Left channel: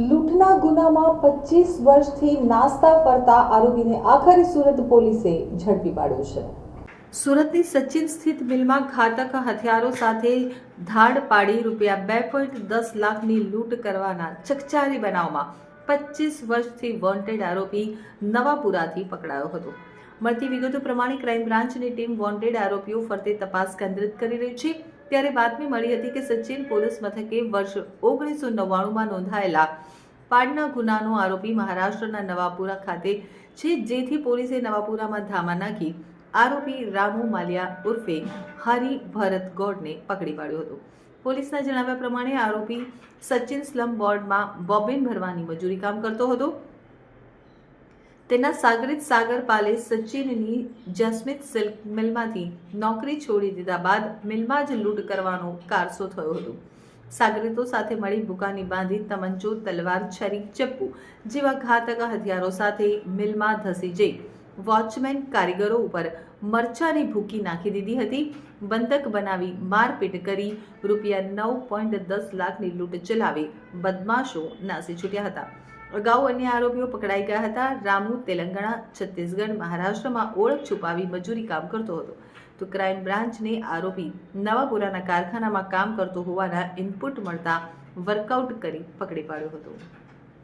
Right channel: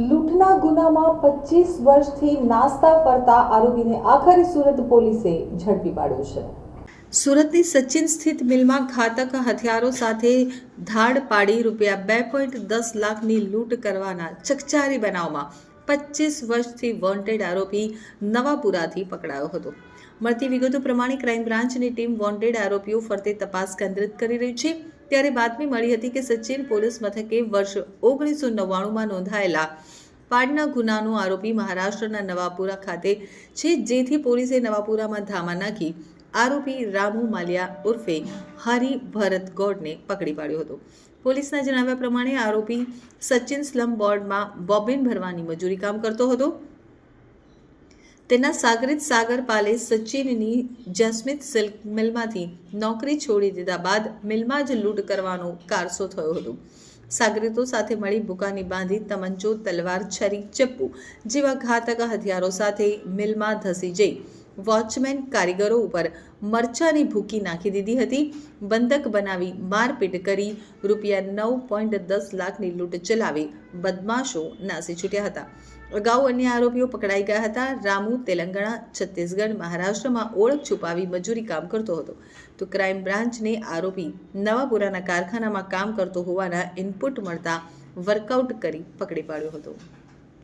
લૂંટના ગુનામાં પચીસ વર્ષથી નાસ્તા ફરતા આરોપીને આખરે સુરત પોલીસે ઝડપી પાડ્યો છે. સુરતની સચિન સ્થિત મિલમાં ઘાતક હથિયારો સાથે ધાડ પાડી રૂપિયા બે પોઈન્ટ દસ લાખની લૂંટ કરવાના ચકચારી બનાવમાં પચીસ વર્ષથી વોન્ટેડ આરોપી નવાપુરાથી પકડાયો હતો. મળતી વિગતો પ્રમાણે ક્રાઇમ બ્રાન્ચની ટીમ વોન્ટેડ આરોપીઓ ફરતે તપાસ કેન્દ્રિત કરી રહી છે. ત્યારે બાતમી મળી હતી કે સચિન પોલીસ મથકે વર્ષ ઓગણીસો નવ્વાણુંમાં નોંધાયેલા પાડના ગુનાનો આરોપી મહારાષ્ટ્રના નવાપુરા ખાતે છે, જેથી પોલીસે નવાપુરામાં ધામા નાખી આરોપી રામુ માલિયા ઉર્ફે હરિ ભરત ગોડને પકડી પાડ્યો હતો. પોલીસના જણાવ્યા પ્રમાણે આરોપી સચિન સ્લમ બોર્ડમાં બોબિન ભરવાની મજૂરી કામ કરતો હતો. તેના સાગરિત સાગરપાલે સચિનની જસ્મિત સિલ્ક મિલમાંથી નોકરી છોડી દીધા બાદ મિલમાં જ લૂંટ કરવાનો કારસો થયો હતો. સાગરીતો સાથે મળી બુકાની બાંધી તમંચો તલવાર, છરી, ચપ્પુ જેવા ઘાતક હથિયારો સાથે મિલમાં ધસી જઈ વોચમેન કારીગરો ઉપર મરચાની ભૂકી નાખી દીધી હતી. બંધક બનાવી મારપીટ કરી રૂપિયા નવ પોઈન્ટ દસ લાખની લૂંટ ચલાવી બદમાશો નાસી છૂટ્યા હતા. અગાઉ અન્ય આરોપીઓ પકડાઈ ગયા હતા. રામુ તેલંગાણા, છત્તીસગઢ, મહારાષ્ટ્રમાં ઓળખ છુપાવી મજૂરી કામ કરતો હતો. તો ક્રાઇમ બ્રાન્ચને આરોપી નવાપુરાના કારખાનામાં કામ કરતો હોવાના ઇનપુટ મળતા વર્કઆઉટ કરી પકડી પાડ્યો હતો.